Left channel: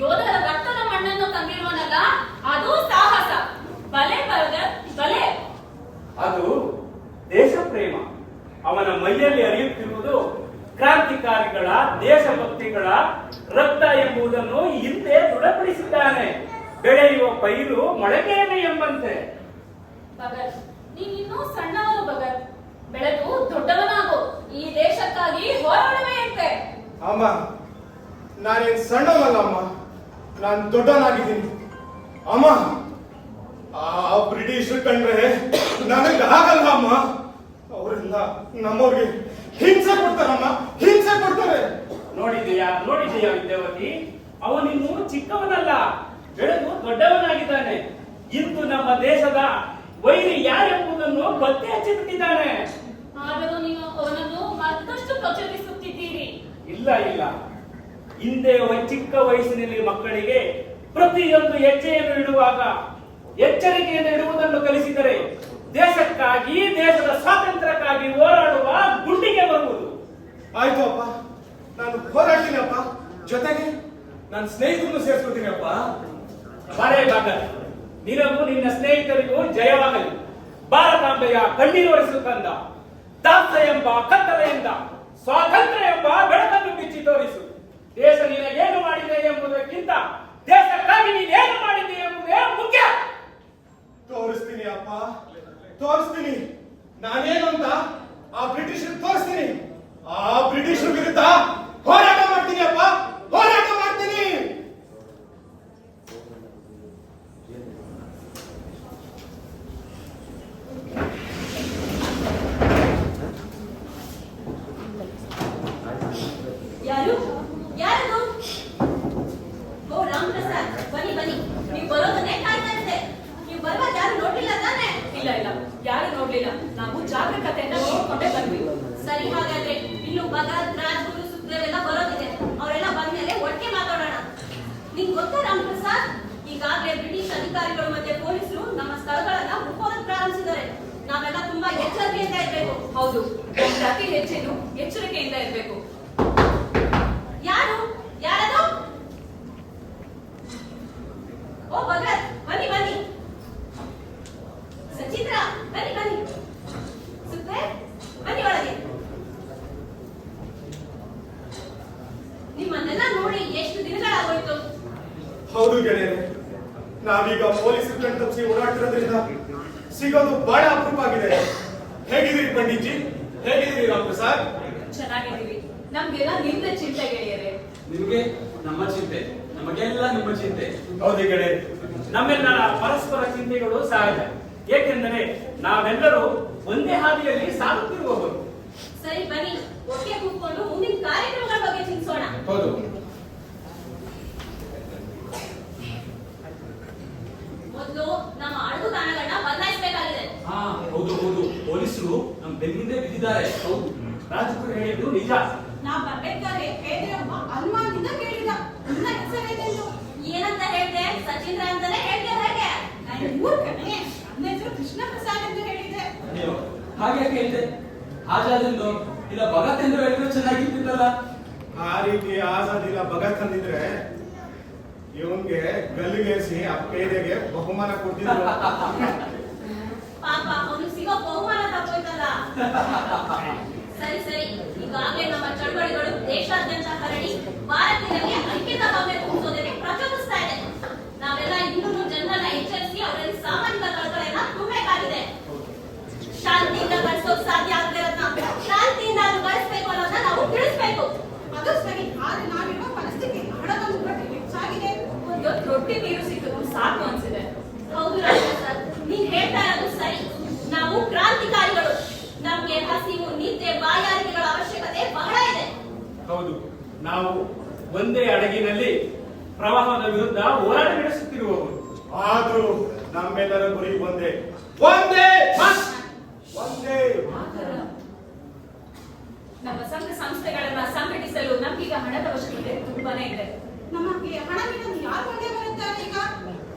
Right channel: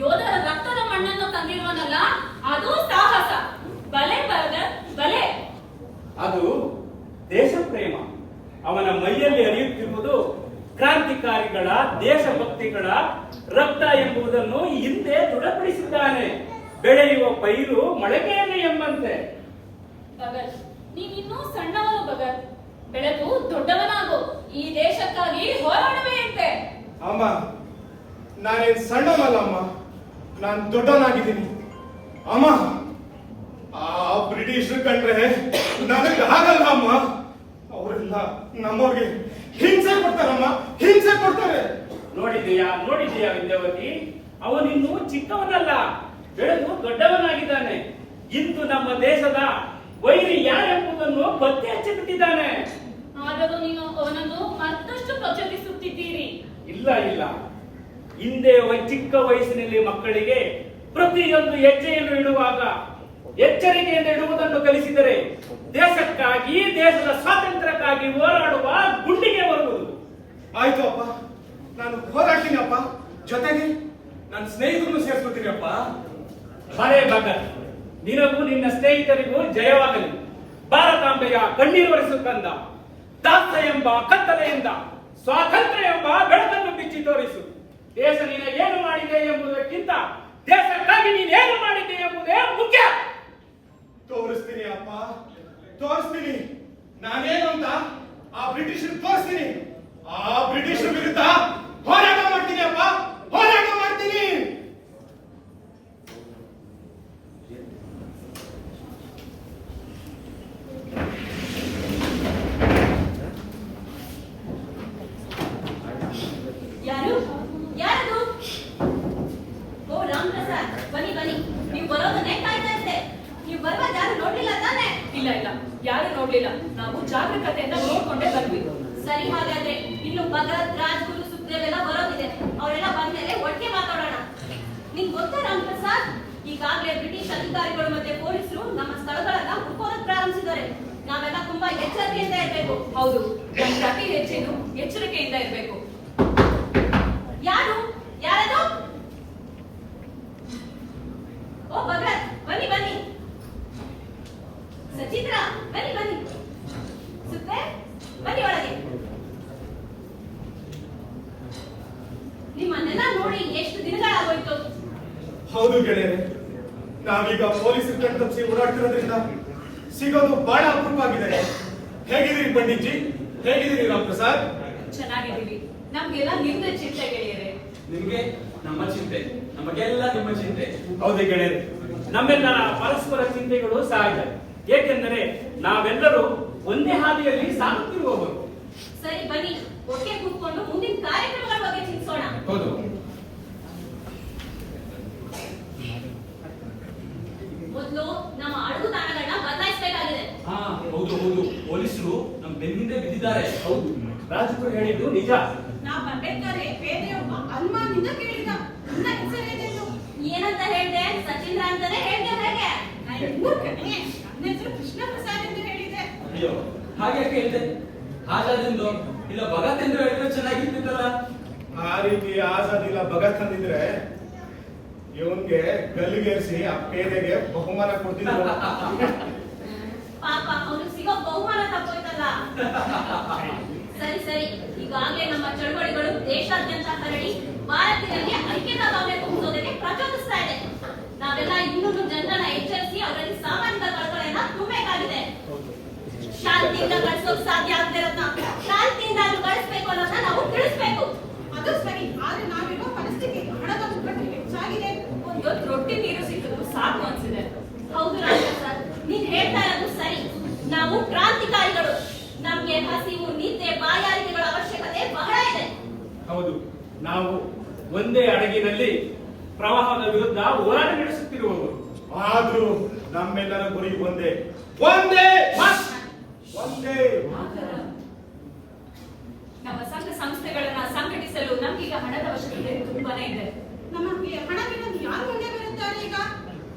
ಯೋಧರ ರಕ್ತದ ಮಣ್ಣನ್ನು ತಂದಿರುವನಲ್ಲ, ಅದು ಸಾಹಸ. ಬಲೆ ಭಗತ್ ಬಲೆ. ಅದು ದೇಶ ಪ್ರೇಮ. ಅವನ ಮೈಯಲ್ಲಿ ಹರಿಯುತ್ತಿರುವುದು ಕ್ರಾಂತಿಕಾರಿಗಳ ದೇಶಭಕ್ತಿಗಳ ರಕ್ತ ಎಂಬುದನ್ನು ಹಿಂದೆ ದೃಢಪಡಿಸಿದ್ದಾನೆ. ಬೆಳೆಯುವ ಪೈರು ಮೊಳಕೆಯಲ್ಲಿ ಎಂಬಂತೆ. ಭಗತ್, ನೀನಿನ್ನೂ ಸಣ್ಣವನು ಭಗತ್. ಬೆಳೆದು ದೊಡ್ಡವನಾಗು. ಈ ದೇಶಕ್ಕಾಗಿ ಹೋರಾಡುವೆಯಂತೆ. ಅಮ್ಮ, ನಾನೇನ್ ಸಣ್ಣವಲ್ಲ ಅಮ್ಮ, ನಾನು ದೊಡ್ಡವನಾಗಿದ್ದೀನಿ ಅಮ್ಮ. ಆ ಬ್ರಿಟಿಷ್ ಕಂಡ್ರೆ ನನಗೆ ಆಗಲ್ಲ ಅಮ್ಮ. ಅವರೆಲ್ಲ ನಮ್ಮವ್ರಿಗೆ ಹಿಂಸೆ ಕೊಡ್ತಾರಮ್ಮ, ಹಿಂಸೆ ಕೊಡ್ತಾರೆ. ನೋಡಿದೀಯಾ ವಿದ್ಯಾವತಿ, ಅವನಿನ್ನೂ ಚಿಕ್ಕವನಲ್ಲ, ಬೆಳೆದು ದೊಡ್ಡವನಾಗಿದ್ದಾನೆ. ಇಂದು ನಮ್ಮ ದೇಶದ ವೈರಿ ಯಾರೆಂಬುದನ್ನು ಪತ್ತೆ ಹಚ್ಚಿಬಿಟ್ಟಿದ್ದಾನೆ. ಆದರೂ ನೀವು ಅವನನ್ನು ಮತ್ತಷ್ಟು ಪ್ರಚೋದಿಸುತ್ತಿದ್ದೀರಿ. ಇಲ್ಲ, ಹಿಂದೆ ಚಿಕ್ಕ ವಯಸ್ಸಿನಲ್ಲಿ ಮಕ್ಕಳಿಗೆ ಪ್ರತಿಯೊಂದು ಹೆಜ್ಜೆಯನ್ನು ಇಡುವಾಗ ಎಚ್ಚರಿಕೆಯಿಂದ ಇಡುವುದನ್ನು ಕಲಿಸಿದರೆ ದೇಶಕ್ಕಾಗಿ, ದೇಶದ ಸ್ವಾತಂತ್ರ್ಯಕ್ಕಾಗಿ ಹೋರಾಡುವ ಗುಂಡಿಗೆ ಬರುವುದು. ಆಯ್ತು ಅಪ್ಪ, ನಾನು ಹೋರಾಡ್ತೀನಿ ಅಪ್ಪ. ಜೊತೆಗೆ ನನ್ನ ಸ್ನೇಹಿತರನ್ನು ಸೇರಿಸ್ಕೊಳ್ತೀನಿ ಅಪ್ಪ. ಬರೇ ಭಗತ್, ನಿನಗೂ ನಿನ್ನ ಸ್ನೇಹಿತರಿಗೂ ಜಯವಾಗಲಿ. ಭಾರತಾಂಬೆಯ ಕಣ್ಣೀರು ಒರೆಸು ಕಂದ. ದಾಸ ಎಂಬ ಕತ್ತಲೆಯಿಂದ ಸ್ವಾತಂತ್ರ್ಯ ಎಂಬ ಬೆಳಕನ್ನು ಬಿಚ್ಚಿ ತೋರಿಸು. ದೇಶ ನಿನಗೇನು ಮಾಡಿದೆ ಎಂಬುದಕ್ಕಿಂತ ದೇಶಕ್ಕಾಗಿ ನೀನೇನು ಮಾಡಿದೆ ಎಂಬುದೇ ಮುಖ್ಯ. ತೋರಿಸ್ತೀನಿ ಅಪ್ಪ, ತೋರಿಸ್ತೀನಿ. ನಾನೇನು ಅಂತ ಆ ಬ್ರಿಟಿಷರು ತೋರಿಸ್ತೀನಿ. ಆ ಬ್ರಿಟಿಷರ ವಿರುದ್ಧ ಹೋರಾಟ ಮಾಡ್ತೀನಿ ಅಪ್ಪ, ಹೋರಾಟ ಮಾಡ್ತೀನಿ. ಯಾರು? ಓ ರಾಮ್ ಪ್ರಸಾದ್, ಬನ್ನಿ. ನೀವು ಬರೋದನ್ನೇ ಕಾಯ್ತಾ ಇದ್ದೆ. ನೀವು ಬರುವಾಗ ಯಾರು ನೋಡ್ಲಿಲ್ಲ ತಾನೆ? ಇಲ್ಲ, ಯಾರು ನೋಡ್ಲಿಲ್ಲ. ನಾವು ಜಾಗರೂಕತೆಯಿಂದ ನೋಡ್ಕೊಂಡೇ ಬಂದ್ವಿ. ಸರಿ, ಹಾಗಾದ್ರೆ ಇನ್ನು ಭಗತ್, ರಾಜ್ಗುರು, ಸುಖದೇವ್ ಎಲ್ಲ ಬರೋದಿದೆ. ಅವರೆಲ್ಲ ಬಂದ್ಮೇಲೆ ಒಟ್ಟಿಗೆ ಮಾತಾಡೋಣ. ನಿಮ್ಗೆ ಗೊತ್ತಾ ರಾಮ್ ಪ್ರಸಾದ್, ಈಗಾಗಲೇ ಬ್ರಿಟಿಷ್ ಅಧಿಕಾರಿಗಳು ಮತ್ತೆ ಪೊಲೀಸರು ನಮ್ಮ ಸ್ಥಳಗಳನ್ನ ಹುಡುಕೋದಕ್ಕೆ ಪ್ರಾರಂಭಿಸಿದ್ದಾರೆ. ನಾವೆಲ್ಲ ತುಂಬಾ ಎಚ್ಚರಿಕೆಯಿಂದ ಇರಬೇಕು. ಹೌದು, ಪ್ರತಿ ಹೆಜ್ಜೆನೂ ಎಚ್ಚರಿಕೆಯಿಂದ ಇರಬೇಕು. ಯಾರದು? ಓ ಭಗತ್, ಬನ್ನಿ. ಸಚಿತ್ರ, ಬನ್ನಿ. ಸುತ್ತೆ, ಬನ್ನಿ ಒಳಗೆ. ನಿಮ್ಮನ್ನೆಲ್ಲ ನೋಡಿ ಎಷ್ಟು ದಿನಗಳಾಗೋಯ್ತು. ಹೌದು ಗೆಳೆಯರೆ, ನಾವೀಗ ಪೊಲೀಸರು ಕಣ್ ತಪ್ಪಿಸಿ ಓಡಾಡ್ತಿರೋದ್ರಿಂದ ಸಿಗೋದು ಬಹಳ ಅಪರೂಪ ಆಗಿದೆ. ಹೇಗಿದ್ದೀರಿ ಪಂಡಿತ್ಜಿ? ಹೇಗಿದ್ದೀರಿ ರಾಮ್ ಪ್ರಸಾದ್? ಚೆನ್ನಾಗಿದ್ದೀವಿ. ನಮ್ಗೆಲ್ಲ ನಿಮ್ಗೆ ಚಿಂತೆ ಗೆಳೆಯರೆ. ನಿಮ್ಗೆ ನಮ್ಮ ಚಿಂತೆ, ನಮಗೆಲ್ಲ ನಿಮ್ಮ ಚಿಂತೆ. ಹೌದು ಗೆಳೆಯರೆ, ನಮ್ಮೆಲ್ಲರ ಪರಸ್ಪರ ಚಿಂತೆಗಳು ಸಹಜ. ಏಕೆಂದರೆ ನಾವೆಲ್ಲರೂ ಒಂದೇ ಹಾದಿಯಲ್ಲಿ ಸಾಗುತ್ತಿರುವವರು. ಸರಿ, ಬನ್ನಿ ಒಟ್ಟಿಗೆ ಕೂತ್ಕೊಂಡು ಮುಂದಿನ ಕಾರ್ಯಕ್ರಮಗಳ ಬಗ್ಗೆ ಚಿಂತಿಸೋಣ. ಹೌದು, ಮೊದಲು ನಮ್ಮ ಅಡಗುತಾಣಗಳನ್ನ ಬದಲಾಯಿಸಬೇಕಾಗಿದೆ. ಹೌದು. ಪೊಲೀಸರು ನಮ್ಮ ಬೆನ್ನಿಂದ ಬಿದ್ದಿದ್ದಾರೆ. ಹೌದು, ರಾಜಕುಮಾರ್ ಹೇಳಿದ್ದು ನಿಜ. ನಾ ಬರ್ಬೇಕಾದ್ರೆ ಪೇದೆಯೊಬ್ಬ ಅನುಮಾನದಿಂದ ಕೇಳಿದ, ನನ್ನ ಹೆಸರೇನೆಂದು. ಏನಂತ ಹೇಳಿದೆ? ಸಚಿಂದ್ರ ಅಂತಾನೆ ಹೇಳಿದೆ. ಹೇಗೆ? ನಾನು ಮೂರ್ಖನೇ. ನನ್ನ ಹೆಸರು ಕೃಷ್ಣ ಪ್ರಸಾದ್ ಎಂದು ಹೇಳಿದೆ. ಅಯ್ಯೋ, ಹಾಗೆ ಕೇಳಿದೆ. ಆಜಾದಿಂದು ಇಲ್ಲ ಭಗತ್ ಎಂದು ಹೇಳಿದ್ರೆ ಚೆನ್ನಾಗಿರ್ತಿತ್ತಲ್ಲ. ಆ ರೀತಿ ಆಜಾದ್ ಇಲ್ಲ ಭಗತ್ ಅಂದಿದ್ರೆ ಇವನ್ಗೆ ಗಲ್ಲಿಗೇರಿಸಿ ಆ ಪೇದೆಗೆ ಬಹುಮಾನ ಕೊಡ್ತಿದ್ರು. ಪಾಪ, ಅವನು ಸಿಗೋ ಬಹುಮಾನ ತಗೋಯ್ತಲ್ಲ. ಸರಿ, ಈಗಾಗಲೇ ನಮ್ಮ ಚಳವಳಿಗಳು ದೇಶಾದ್ಯಂತ ಹರಡಿ ಭಾರತೀಯರಿಗೆ ಐಕ್ಯತಾ ಭಾವನೆ ತುಂಬಿಸೋದಕ್ಕೆ ಪ್ರಚೋದಿಸ್ತಾ ಇದೆ. ನಾವೆಲ್ಲ ಇನ್ನೂ ಜನರನ್ನ ಎಚ್ಚರಿಸಿ ಅವರಲ್ಲಿ ಸಾಮಾಜಿಕ ಕಳಕಳಿಯನ್ನ ತುಂಬಬೇಕಾಗಿದೆ. ಶಾಂತಿಯಿಂದ ಗಳಿಸೋಕ್ ಸಾಧ್ಯ ಆಗದೆ ಇರೋದನ್ನ ಶಾಂತಿಯಿಂದ ಗಳಿಸಬೇಕು ಅನ್ನೋದನ್ನ ನಾವು ತಿಳಿಸ್ಬೇಕು. ಅದು ಸರಿ, ಆದ್ರೆ ನಾವಿರುವ ಪರಿಸ್ಥಿತಿ ಹಣದ ಮುಗ್ಗಟ್ಟು ಹೆಚ್ಚಾಗಿದೆ. ಒಂದೊತ್ತು ರೊಟ್ಟಿ ನೀರು ಸಿಕ್ಕಿದ್ರು ಸಾಕು ಅನ್ಸಿದೆ. ಹೌದು ರಾಜ ಸರ್, ನೀನ್ ಹೇಳ್ತಾ ಇರೋದು ಸರಿ. ನಾವು ಕ್ರಾಂತಿಕಾರಿಗಳು. ನಮ್ಗೆ ಹಸಿವು, ನಿದ್ದೆ, ಬಾಯಾರಿಕೆಗಳ ಅವಶ್ಯಕತೆ ಬಹಳ ಇದೆ. ಹೌದು, ನಾವು ಒಂದೇ ಹಡಗಿನಲ್ಲಿ ಪ್ರವಾಹದ ವಿರುದ್ಧ ಹೋರಾಟ ನಡೆಸುತ್ತಿರುವವರು. ಆದ್ರೂ ನಮ್ಮೆಲ್ಲರ ಗುರಿ ಒಂದೇ. ನಮ್ಮ ಸಂಘ ಸಂಸ್ಥೆಗಳನ್ನ ಸಂಘಟಿಸಲು ನಮ್ಗೀಗ ಹಣದ ಅವಶ್ಯಕತೆ ತುಂಬಾನೇ ಇದೆ. ನಮಗೆ ಹಣವಿಲ್ಲದೆ ಯಾರು ಮುಂದೆ ಬರುತ್ತಾರೆ ಈಗ?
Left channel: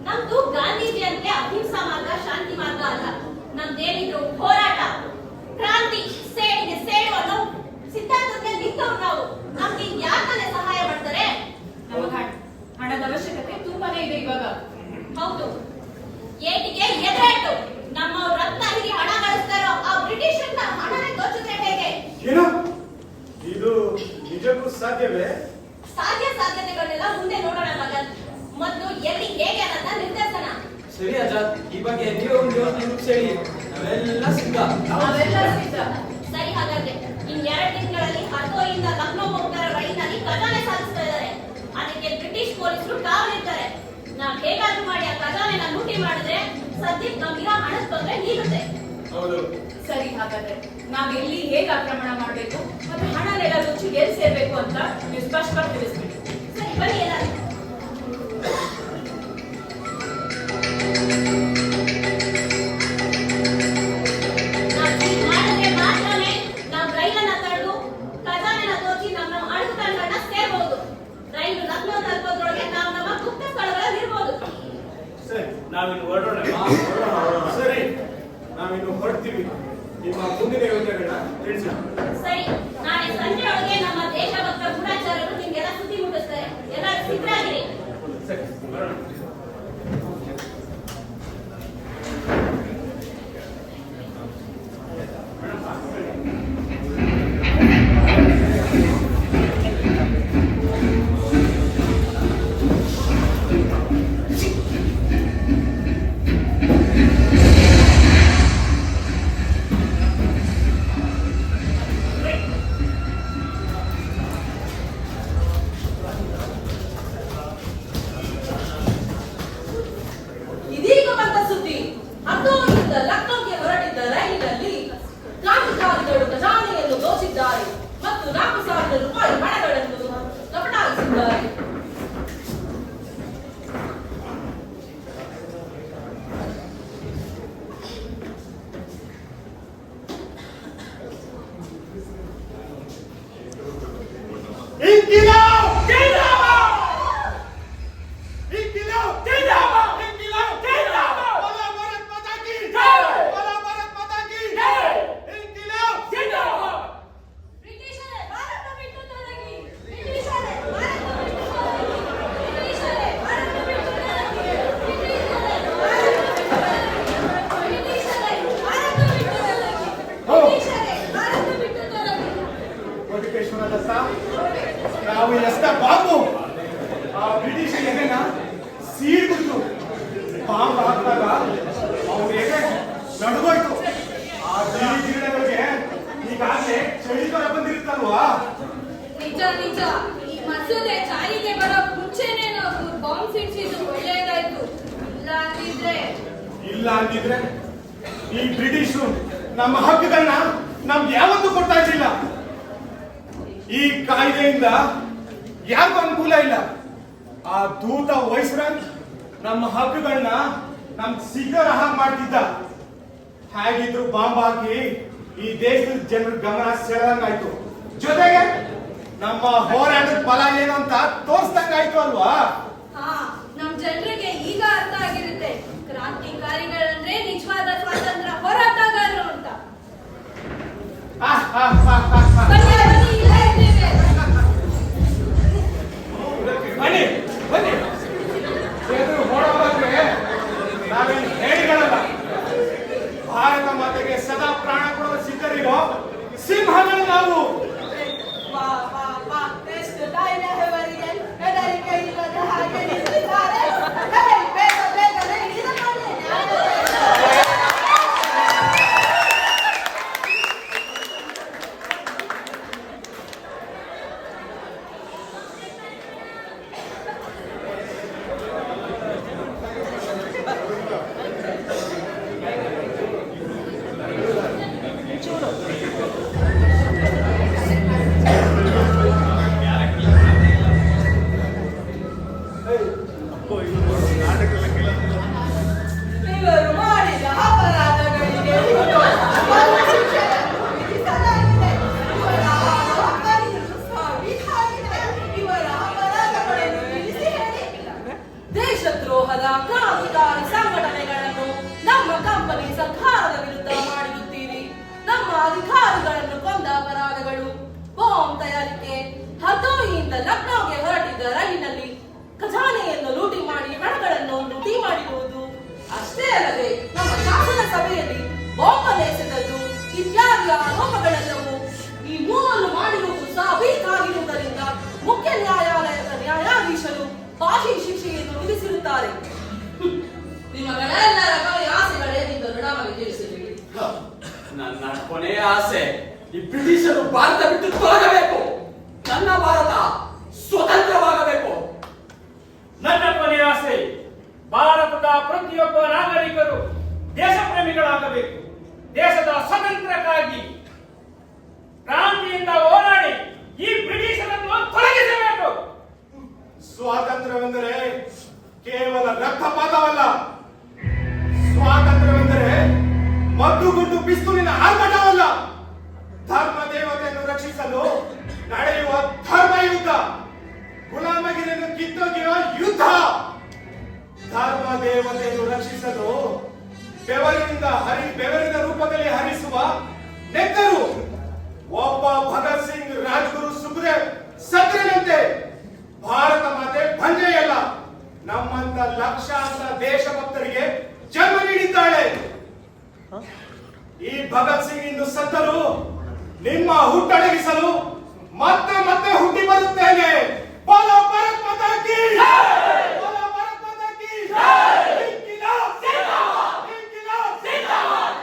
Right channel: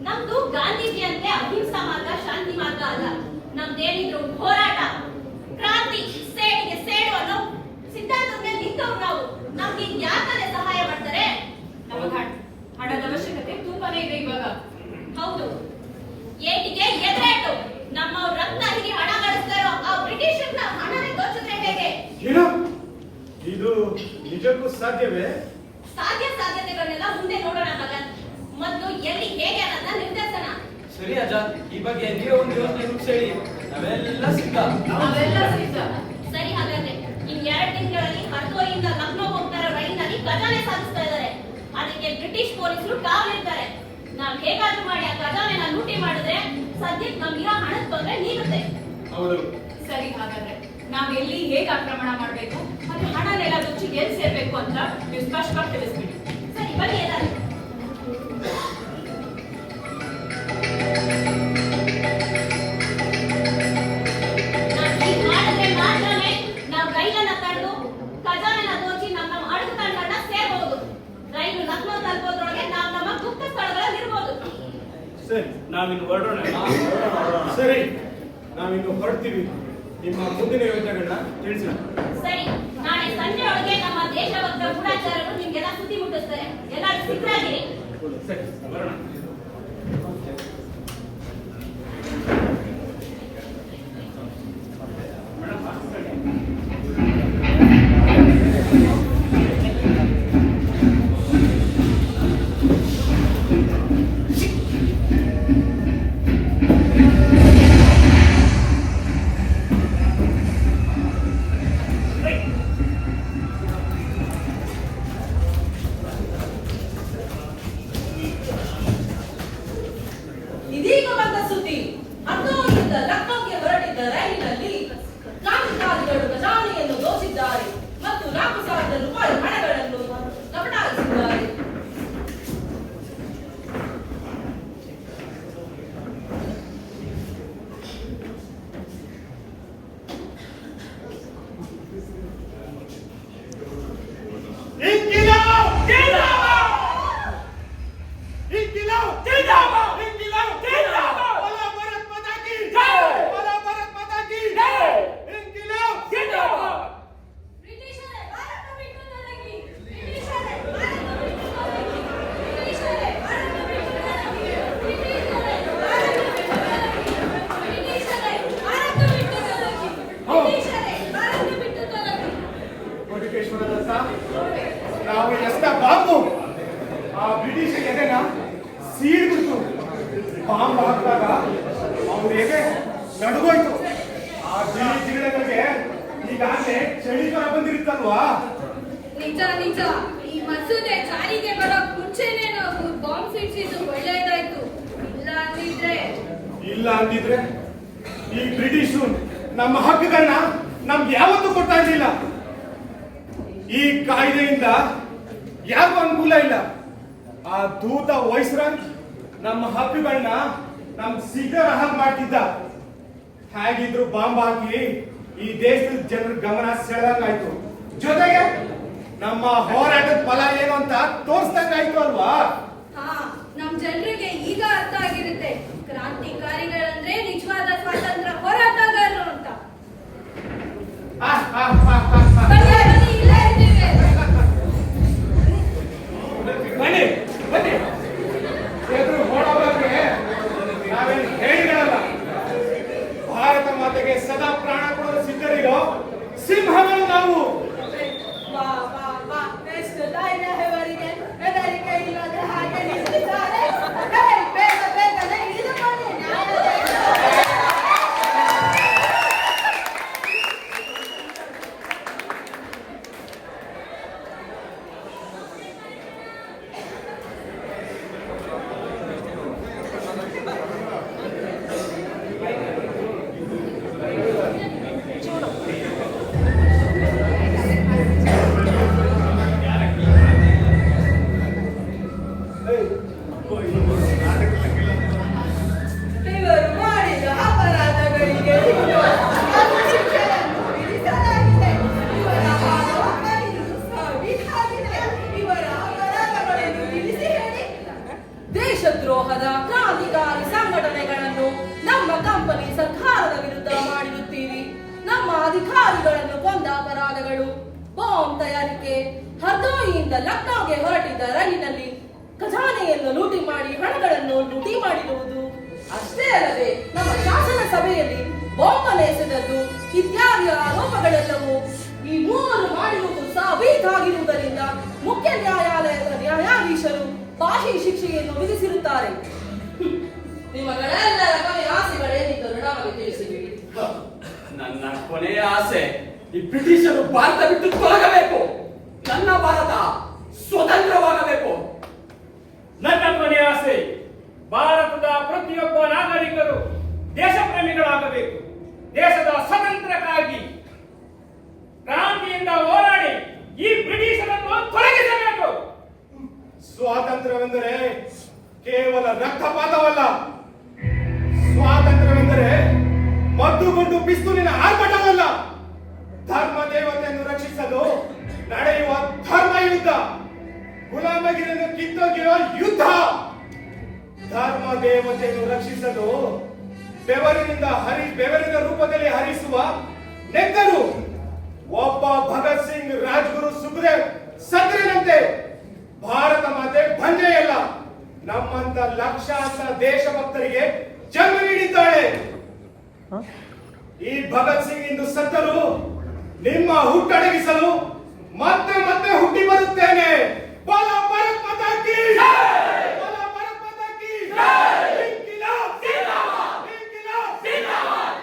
ನಮ್ದು ಗಾಂಧೀಜಿಯಂತೆ ಅಹಿಂಸಾ ಮಾರ್ಗ, ಶಾಂತಿ ಮಾರ್ಗ ಅಲ್ಲ. ನಮ್ದೇನಿದ್ರು ಹೋರಾಟ, ಕ್ರಾಂತಿ, ಸೇಡಿಗೆ ಸೇಡು ಅನ್ನೋ ಸಿದ್ಧಾಂತದ ಮೇಲೆ ನಿಂತವ್ರು ನಾವು. ನಮ್ಗೆ ಯಾಕಂದ್ರೆ ಸಹಾಯ ಮಾಡ್ತಾರೆ? ನಮಗ ಹಣದ ನಿಮ್ಗೆ ಇವಾಗ? ಹೌದು, ಏಟಿಗೆ ಎದುರೇಟು. ನಮ್ಮ ರತ್ನ ಹಿರಿ ಹಣ ಗಳಿಸ್ತಾರೋ ಆ ಬ್ರಿಟಿಷರ್ನ ಹಣನೇ ದೋಚುತ್ತೆ ಹೇಗೆ? ಏನು ಇದು ನಿಜಕ್ಕೂ ಸಾಧ್ಯವೇ? ಸಾಧ್ಯತೆಗಳನ್ನೆಲ್ಲ ಮುಂದೆ ನೋಡೋಣ ಭಗತ್. ಮೊದಲು ಎಲ್ಲಿ ಹೇಗೆ ಅನ್ನೋದನ್ನ ನಿರ್ಧರಿಸೋಣ. ಸರಿ ಆಚಾರ್, ಈ ಬಗ್ಗೆ ನೀವೇ ಒಂದು ಯೋಚನೆ ರೂಪಿಸಿ. ನಾವೆಲ್ಲ ಸಿದ್ಧ. ಸರಿ, ಹಾಗಾದ್ರೆ ಇನ್ 2 ತಿಂಗಳಲ್ಲಿ ಹರ್ದೋಯಿಂದ ಲಕ್ನೋ ಹೋಗ್ತಾರ ರೈಲಿನಲ್ಲಿ ಖಜಾನೆ ಸಾಗಿಸ್ತಾ ಇದ್ದಾರೆ. ಅದಕ್ಕೆ ಬ್ರಿಟಿಷ್ ಪೊಲೀಸರು ಕಾವಲಿರ್ತಾರೆ. ನಾವ್ ಹೇಗಾದ್ರೂ ಮಾಡಿ ಆ ಖಜಾನೆನ ಲೂಟಿ ಮಾಡಿದ್ರೆ ಸದ್ಯಕ್ಕೆ ನಮ್ಗಿರೋ ಹಣದ ತೊಂದರೆ ನೀಗುತ್ತೆ. ಹೌದು. ಸರಿ, ಹಾಗಾದ್ರೆ ನಾವ್ ಎಲ್ಲಿ ಹೇಗೆ ಆಕ್ರಮಣ ಮಾಡ್ಬೇಕು ಮತ್ತೆ ಹಣನೆಲ್ಲ ರುಚಿ ಎಲ್ಲಿ ಸೇರ್ಬೇಕು ಅಂತ ನೀವು ಸ್ಪಷ್ಟವಾಗಿ ತಿಳಿಸ್ಬಿಡಿ. ಸರಿ, ಬನ್ನಿ ಎಲ್ಲರೂ. ನಾವ್ ಹೀಗ್ ಮಾಡಿದ್ರೆ ಮಾತ್ರನೇ ನಾವ್ ರೈಲನ್ನ ತಡೆದು ಖಜಾನೆನ ದೋಚಿ ನಮ್ಮ ಅಡುಗೆ ತಂಡನ್ನ ಸೇರ್ಬಹುದು. ರೈಲು ಲಕ್ನೋ ತಲುಪೋದ್ರೊಳಗೆ ನಾವ್ ನಮ್ಮ ಗುಪ್ತ ಸ್ಥಳಗಳಲ್ಲಿ ಇರ್ಬೋದು. ಸರಿ, ನಾವಿನ್ನು ಹೊರಡೋಣ. ಸರಿ, ನಾವಿನ್ನು ಹೊರಡ್ತೀವಿ. ನಿಮ್ಮ ಮುಂದಿನ ಯೋಜನೆಗಳನ್ನ ತಿಳಿಸಿ. ಸರಿ, ನಾಳೆ ಸಂಜೆ ಒಳಗೆ ನಮ್ಮ ದೇಶಭಕ್ತ ಗೂಢಚಾರರು ನಿಮ್ಗೆಲ್ಲ ಸುದ್ದಿ ಮುಟ್ಟಿಸ್ತಾರೆ. ಎಲ್ಲರೂ ಸಿದ್ಧರಾಗಿರಿ. ಸರಿ, ಬರೋಣ. ಇದೀಗ ಬಂದ ಸುದ್ದಿ. ಹರ್ದೋಯಿಂದ ಲಕ್ನೋಗೆ ಹೊರಟಿದ್ದ ರೈಲಿನಲ್ಲಿ ಕ್ರಾಂತಿಕಾರಿಗಳು ಖಜಾನೆಯನ್ನು ದೋಚಿದ್ದಾರೆ ಮತ್ತು 4,000 ರೂಪಾಯಿ ಹಣಗಳನ್ನು ಕಬಳಾಯಿಸಿದ್ದಾರೆ. ಬ್ರಿಟಿಷರೇ, ಭಾರತ ಬಿಟ್ಟು ತೊಲಗಿ! ಬ್ರಿಟಿಷರೇ, ಭಾರತ ಬಿಟ್ಟು ತೊಲಗಿ! ಬ್ರಿಟಿಷರೇ, ಭಾರತ ಬಿಟ್ಟು ತೊಲಗಿ! ಬ್ರಿಟಿಷರೇ, ಭಾರತ ಬಿಟ್ಟು ತೊಲಗಿ! ಬ್ರಿಟಿಷರೇ, ಭಾರತ ಬಿಟ್ಟು ತೊಲಗಿ! ಕೋಟಿಕೇಶ್ವರ ದತ್ತ, ನಾವು ಎಸ್ತ ಬಾಂಬು ಆ ಬ್ರಿಟಿಷ್ ಎದೆನ ಸೀಳ್ಬಿಟ್ಟು ಬಾಂಬ್ ಹಾಕಿದಾಗ ಅವ್ರ ಎದೆ ನಡುಗೋಯ್ತು. ಆ ಗಿಡಗಳಿಗೆ ಈಗಾಗಲೇ ಚಳಿಗಾಲ ಬಂದಿರುತ್ತಲ್ವಾ? ನಿಜ ನಿಜ. ಈ ಮಸೂದೆ ಜಾರಿಗೆ ಬರೋ ಮುಂಚೆನೆ ನಾವು ಬಾಂಬ್ ಸಿಡಿಸಿದ್ದು ಒಳ್ಳೇದಾಯ್ತು. ಇಲ್ಲ ಅಂದಿದ್ರೆ ಈ ಬ್ರಿಟಿಷರು ನಮ್ಮ ಹಕ್ಕುಗಳನ್ನ ನಮ್ಗೆ ಯಾವತ್ತೂ ಕೊಡ್ತಾ ಇರ್ಲಿಲ್ಲ. ಈ ಕಾಯ್ದೆಯಿಂದ ಯಾರಿಗೂ ಅನುಕೂಲ ಇಲ್ಲ. ಆ ದೂತ ವೈಸ್ರಾಯ್ ನಮ್ಮ ಹಕ್ಕುಗಳನ್ನ ನಮ್ಗೆ ಸಿಗರ ಹಾಗೆ ಮಾಡ್ತಿದ್ದ. ಹೇಗಿದ್ರು ಬಾಂಬ್ ಹಾಕಿ ಈ ದೇಶದ ಜನರ ಗಮನ ಸೆಳೆದಂಗಾಯ್ತು. ಜೊತೆಗೆ ನಮ್ಮ ಹೋರಾಟದ ಫಲ ಏನು ಅಂತ ತೋರಿಸ್ದಂಗಾಯ್ತು ಅಲ್ವಾ? ಹಾ, ನಮ್ ಜನರಿಗೆ ಈಗ ಅರ್ಥ ಆಗಿರುತ್ತೆ ಕ್ರಾಂತಿಕಾರಿಗಳಂದ್ರೆ ನಿಜವಾದ ಸ್ವಾತಂತ್ರ್ಯ ಹೋರಾಟಗಾರರು ಅಂತ. ಬನ್ನಿ, ಬನ್ನಿ, ಇಲ್ಲೇ ಇದ್ದೇವೆ. ಬನ್ನಿ ಬನ್ನಿ, ಎದುರು ಹೋರಾಟಕ್ಕೆ ನಾವೇನು ಹೇಳಿಗಳಲ್ಲ. ಭಾರತ ಮಾತೆಗೆ ಸದಾ ಪ್ರಾಣ ಕೊಡಲು ಸಿದ್ಧರಿರೋ ಸಿಂಹಗಳು ನಾವು. ವಾ ವಾ ವಾ, ಎಷ್ಟು ಧೈರ್ಯವರಿಗೆ ಹೆದರಿಕೆ ಇಲ್ಲದೆ ಹಾಗೆ ನಿಂತಿದ್ದಾರೆ. ಹೇ, ಬೇಗ ಬೇಗನೆ ಹಿಡಿದುಕೊಳ್ಳಿ. ಇವರು ಮಾಡಿದ ಅಪರಾಧಗಳಿಗೆ ಶಿಕ್ಷೆಯನ್ನು ವಿಧಿಸಲಾಗಿದೆ. ಇವರ ಆರೋಪವನ್ನು ಸಾಬೀತಾಗಿದೆ. ಇವರ ಅಪರಾಧಗಳನ್ನು ತಿಳಿಸಿ ಹೇಳಿ. ದೇಶದ್ರೋಹದ ಕ್ರಾಂತಿಕಾರಿ ಸಂಘಟನೆಗಳನ್ನು ನಮ್ಮ ಕಂಪನಿ ಸರ್ಕಾರದ ವಿರುದ್ಧ ಮಾಡಿರುತ್ತೀರಿ. ನಮ್ಮ ಅಧಿಕಾರಿಗಳನ್ನು ಕೊಂದ ಅಪರಾಧಗಳು, ಬಾಂಬ್ ತಯಾರಿಕೆ, ಹರ್ದೋಯಿಯಿಂದ ಲಕ್ನೋಗೆ ಹೊರಟಿದ್ದ ರೈಲಿನಲ್ಲಿ ಖಜಾನೆಯನ್ನು ಲೂಟಿ ಮಾಡಿ ಹಣಗಳ ಸಭೆಯಲ್ಲಿ ಬಾಂಬನ್ನು ಎಸೆದದ್ದು ಇತ್ಯಾದಿ ಆರೋಪಗಳೆಲ್ಲವೂ ಈ ಮೂವರು ಮಾಡಿರುವುದು ಸಾಬೀತಾಗಿರುವುದರಿಂದ ಮುಖ್ಯ ನ್ಯಾಯಾಲಯದ ನ್ಯಾಯಾಧೀಶರು ಫಾಶಿ ಶಿಕ್ಷೆಯನ್ನು ವಿಧಿಸಿರುತ್ತಾರೆ. ನಿಮ್ಮಗಳೆಲ್ಲರ ಕೊನೆಯ ಆಸೆಗಳೇನಿದ್ದು ನಮಗೆ ತಿಳಿಸಿಬಿಡಿ. ನನ್ನ ಕೊನೆಯ ಆಸೆ ಈ ಬ್ರಿಟಿಷರು ಭಾರತ ಬಿಟ್ಟು ತೊಲಗಬೇಕು. ನನ್ನ ಭಾರತ ಸ್ವತಂತ್ರವಾಗಬೇಕು. ನನ್ನ ಕೊನೆಯ ಆಸೆ ಭಾರತದ ಪ್ರತಿಯೊಬ್ಬ ನಾಗರಿಕರು ದೇಶ ಪ್ರೇಮಿಗಳಾಗಬೇಕು. ದೇಶದ ಸ್ವಾತಂತ್ರ್ಯಕ್ಕಾಗಿ ಕ್ರಾಂತಿಯಿಂದ ಹೋರಾಡಿ ಈ ಬ್ರಿಟಿಷರನ್ನು ತೊಲಗಿಸಬೇಕು. ಸ್ವಾತಂತ್ರ್ಯವೆಂದರೆ ಕೇವಲ ರಕ್ತಪಾತವಲ್ಲ. ಸ್ವಾತಂತ್ರ್ಯವೆಂದರೆ ಮದ್ದುಗುಂಡು ಪಿಸ್ತೂಲಿನ ಆರ್ಭಟವಲ್ಲ. ಧರ್ಮ ದೇವತೆಯನ್ನು ರಕ್ಷಿಸಲು ನಡೆಯುವ ಧರ್ಮ ಯುದ್ಧ, ಗುಲಾಮಗಿರಿಯನ್ನು ಕಿತ್ತೊಗೆಯುವ ಯುದ್ಧ. ಧರ್ಮ ದೇವತೆಯನ್ನು ರಕ್ಷಿಸಲು ಬೆವರಿನ ರೂಪದಲ್ಲಿ ಹರಿಸುವ ನೆಕ್ಕರು. ಒಬ್ಬ ಭಗತ್ ಸಿಂಗ್, ರಾಜ್ಗುರು, ಸುಖದೇವ್, ಸತ್ಯನಂತೆ ಭಾರತ ಮಾತೆ ಬಂಜೆಯಲ್ಲ, ನಮ್ಮಂತ ಲಕ್ಷಾಂತರ ದೇಶಭಕ್ತರಿಗೆ ಜನ್ಮ ನೀಡಿದ್ದಾಳೆ. ಈ ಭಗತ್ ಸಿಂಗ್ ಇಂದು ಸತ್ತರು ನಿಮ್ಮ ಹುಟ್ಟಡಗಿಸಲು ಮತ್ತೆ ಮತ್ತೆ ಹುಟ್ಟಿ ಬರುತ್ತೇನೆ. ಬೋಲೋ ಭಾರತ್ ಮಾತಾ ಕೀ ಜೈ! ಬೋಲೋ ಭಾರತ್ ಮಾತಾ ಕೀ ಜೈ! ಇನ್ಕಿಲಾಬ್ ಜಿಂದಾಬಾದ್! ಇನ್ಕಿಲಾಬ್ ಜಿಂದಾಬಾದ್!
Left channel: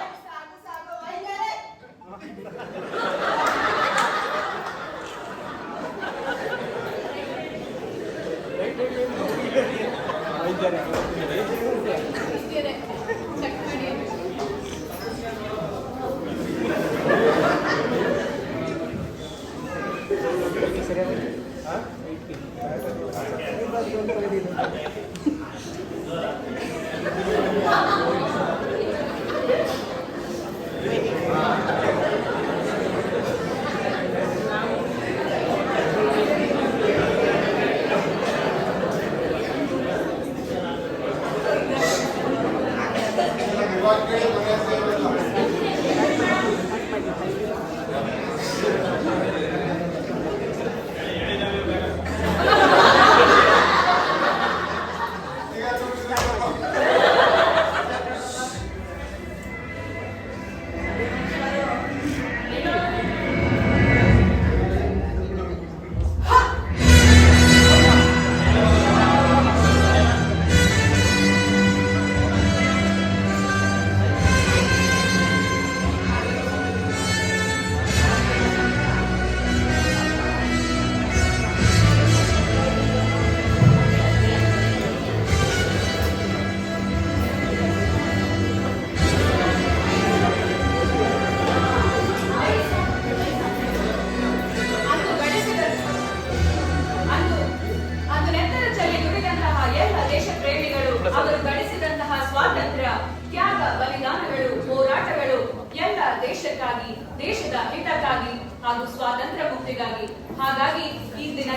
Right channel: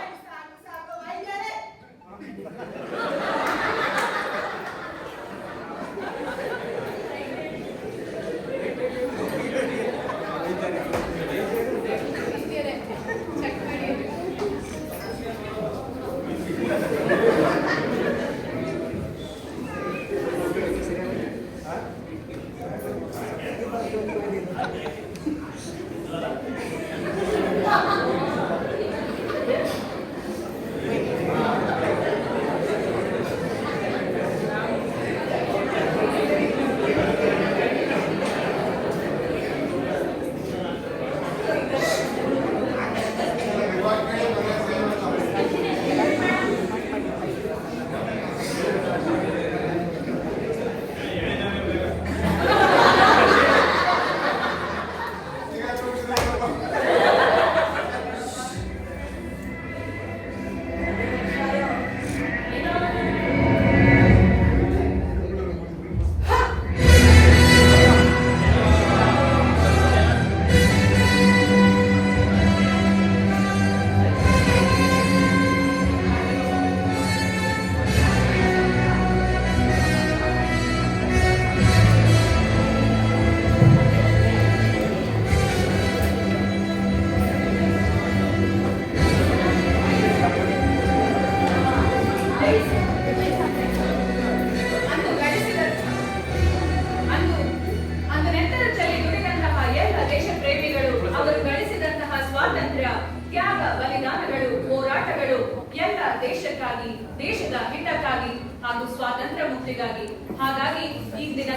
ಅವರು ಗಳಿಸಿದಂತಹ ಸ್ವಾತಂತ್ರ್ಯ, ತ್ಯಾಗ, ಬಲಿದಾನಗಳು, ಹೋರಾಟಗಳು ಎಲ್ಲ ದೇಶಕ್ಕಾಗಿ, ದೇಶದ ಹಿತಕ್ಕಾಗಿ ಹಾಗೂ ಸ್ವಾತಂತ್ರ್ಯ ಮುಕ್ತಿಗಾಗಿ. ಹಾಗಾಗಿ ಈ ದಿನ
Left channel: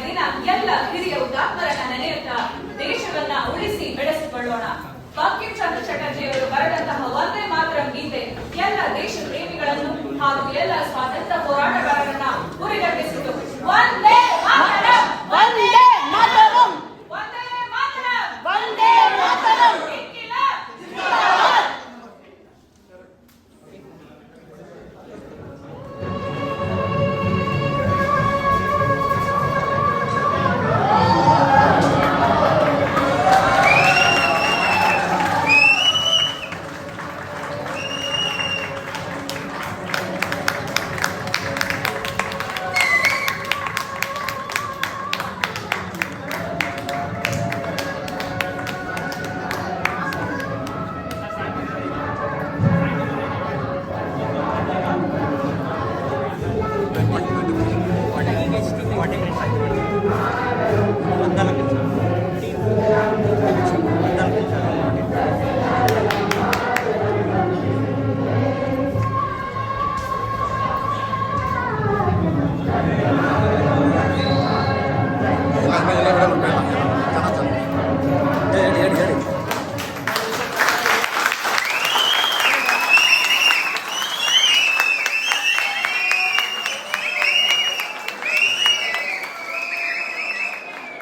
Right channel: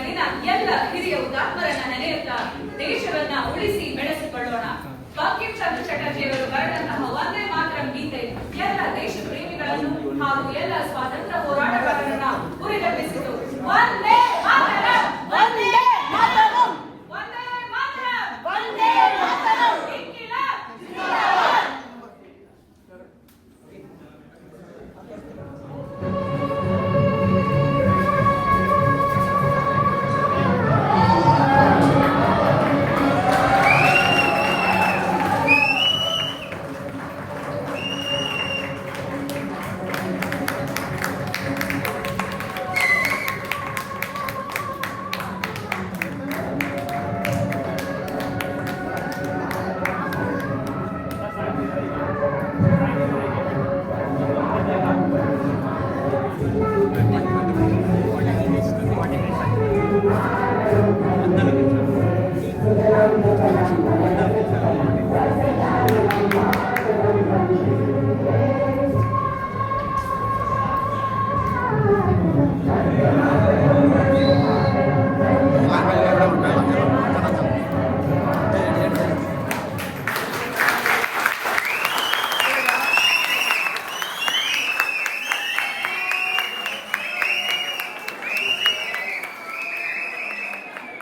ಎಲ್ಲ ಹಿರಿಯ ಹುತಾತ್ಮರನ್ನ ನೆನೆಯುತ್ತಾ ದೇಶವನ್ನ ಉಳಿಸಿ ಬೆಳೆಸಿಕೊಳ್ಳೋಣ. ಬಂಕಿಂ ಚಂದ್ರ ಚಟರ್ಜಿಯವರು ಬರೆದಂತಹ ವಂದೇ ಮಾತರಂ ಗೀತೆ ಎಲ್ಲ ದೇಶ ಪ್ರೇಮಿಗಳನ್ನು ಹಾಗೂ ಎಲ್ಲ ಸ್ವಾತಂತ್ರ್ಯ ಹೋರಾಟಗಾರರನ್ನ ಹುರಿದುಂಬಿಸಿತು. ವಂದೇ